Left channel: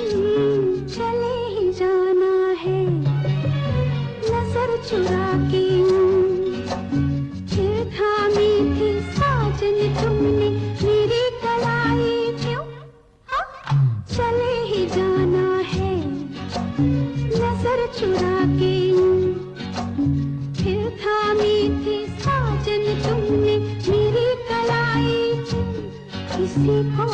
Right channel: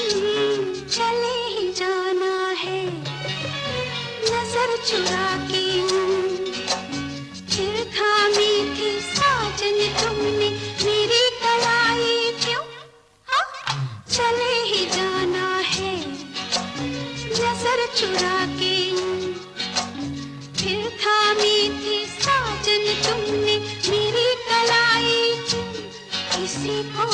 चले ही जाना है नजर चुरा के, फिर थामी थी साजन तुमने मेरी कलाई क्यों? हाँ, चले ही जाना है नजर चुरा के, फिर थामी थी साजन तुमने मेरी कलाई, किसी को